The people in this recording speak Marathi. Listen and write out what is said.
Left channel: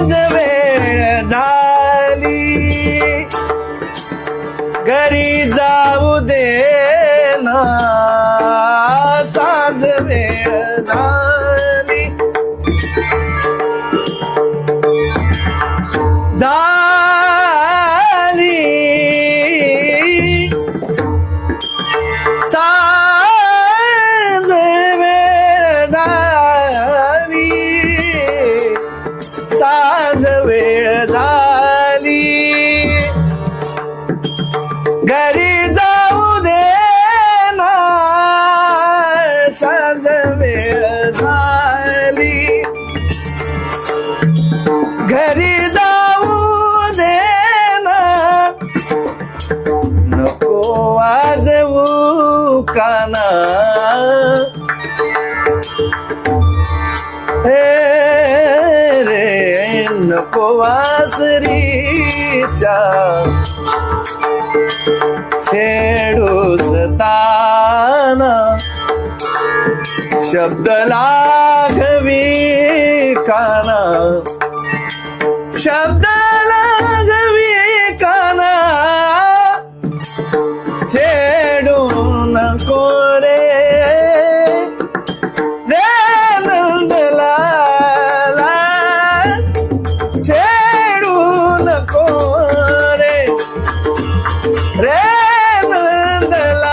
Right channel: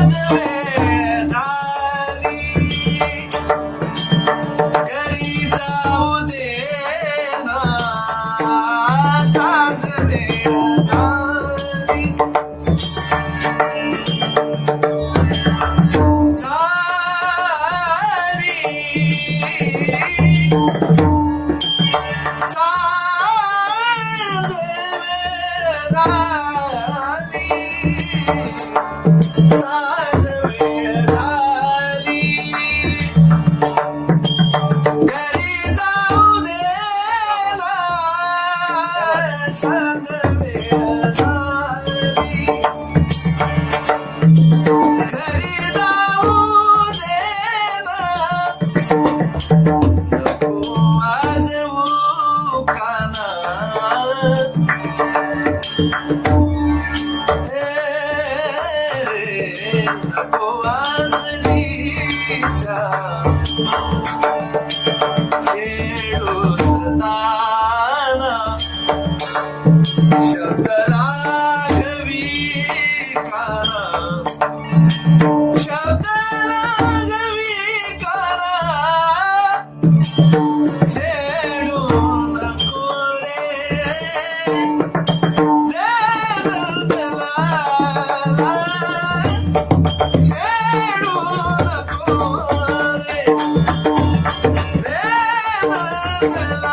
साज वेळ झाली घरी जाऊ दे ना साज वेळ झाली साज वेळ झाली साज वेळ झाली घरी जाऊ दे ना साज वेळ झाली घरी जाऊ दे ना नको वाजवू काना हे रे नको वासरीच्या छेडूस ताना शब्द लागवी काना शब्द लागवी काना छेडू नको रे रे नंदलाला छेडू नको रे रे नंदलाला